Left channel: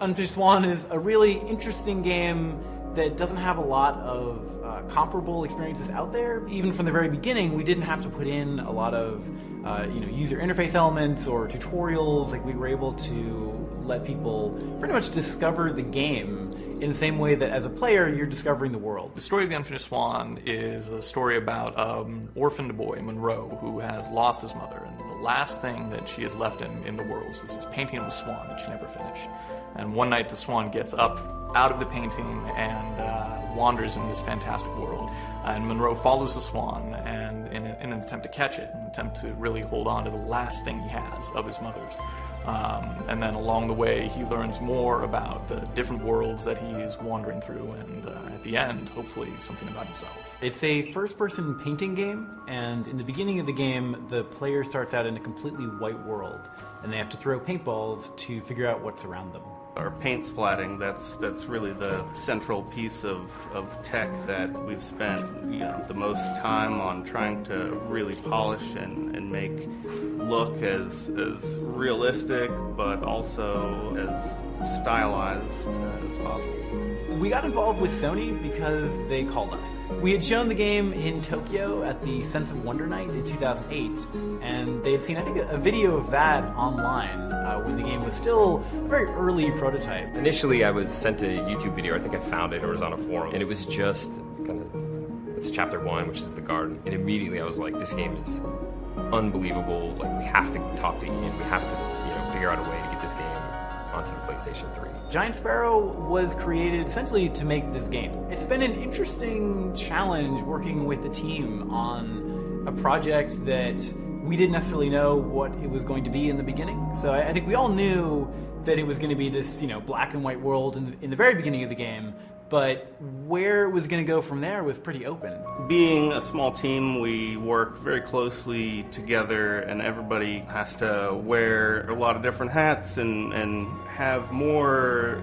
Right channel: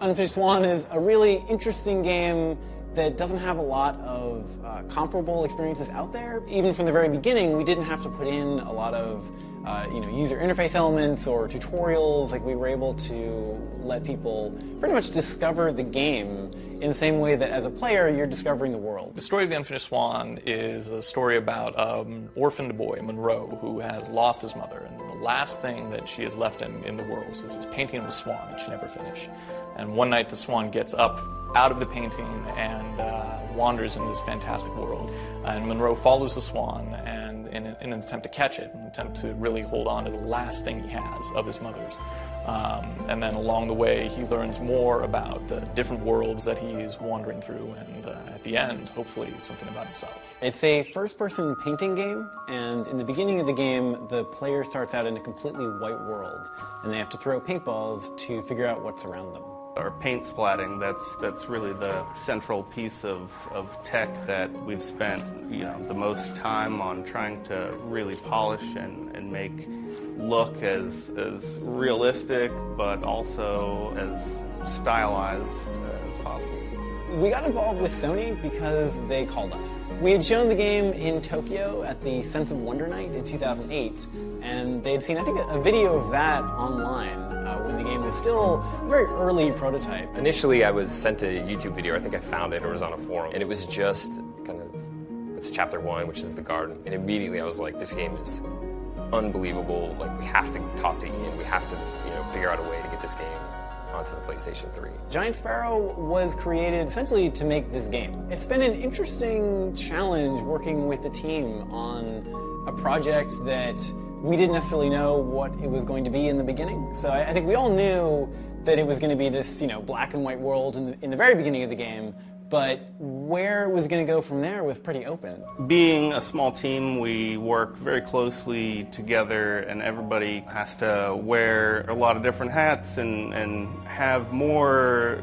Unfinished Swan is a really interesting game that doesn't have a lot of comparable experiences out there. Even from the very beginning, we didn't have to put in a lot of user interface elements or tutorials. Like, we were able to let people pretty much discover the game in the same way that as a player you're discovering the world. The story of the Unfinished Swan is a story about an orphaned boy, Monroe, who has lost his mother. And the last thing that she has left in the world is this painting of the swan that she never finished. And one night the swan gets up out of the painting and wanders into this fantastic world. And Monroe follows the swan and in an attempt to catch it, an attempt to really hold on to the last thing he has of his mother's. And then along the way, he learns more about the different worlds that he is wandering through, and at the end, hopefully, something about himself. It's a first-person painting game, and in the beginning of the game, the player starts out in a completely white world, and they have to throw paintballs to figure out what's around them. Our paint splatting, that's really the central piece of tech that we've spent the most time on trying to really polish and make look as realistic, but also as stylized as possible. We got involved with Sony because they called us. We had shown the game in Tokyo at the Sense of Wonder Night in 2008, and they had seen, I think, a video of that online when the game was still a very early prototype. Initially, I was sent a YouTube video. I think I found it or it was on a forum, and it was just kind of, it's chapter 1, which is the garden, and immediately I was like, this game is unbelievable. Like, we have to talk to Ian. We have to, figure out a way to get this game onto the PlayStation 3. Giant Sparrow was created essentially to make this game. It's been an interesting challenge working with the team on a project that we didn't necessarily know what it was going to be in the beginning. So I think we all knew that it was going to be this, black and white world in the very beginning of the game, but where it was going to go from there was pretty open. Being a small team, we work very closely together, and everybody has to wear a lot of different hats and have more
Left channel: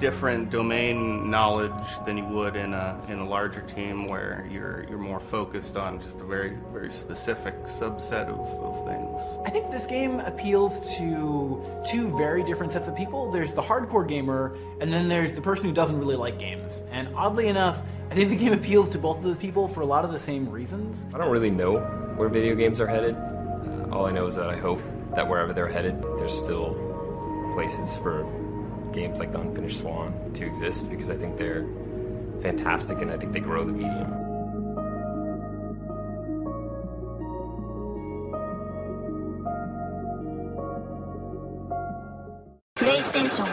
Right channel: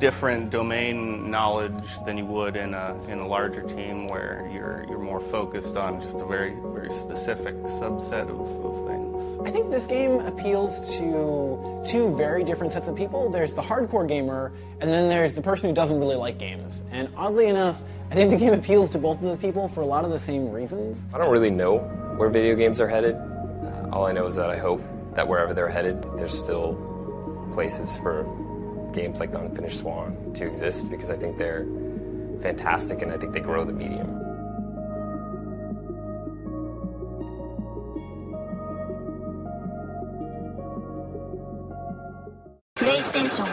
different domain knowledge than you would in a larger team where you're more focused on just a very specific subset of things. I think this game appeals to two very different sets of people. There's the hardcore gamer, and then there's the person who doesn't really like games. And oddly enough, I think the game appeals to both of those people for a lot of the same reasons. I don't really know where video games are headed. All I know is that I hope that wherever they're headed, there's still places for games like the Unfinished Swan to exist, because I think they're fantastic and I think they grow the medium. PlayStation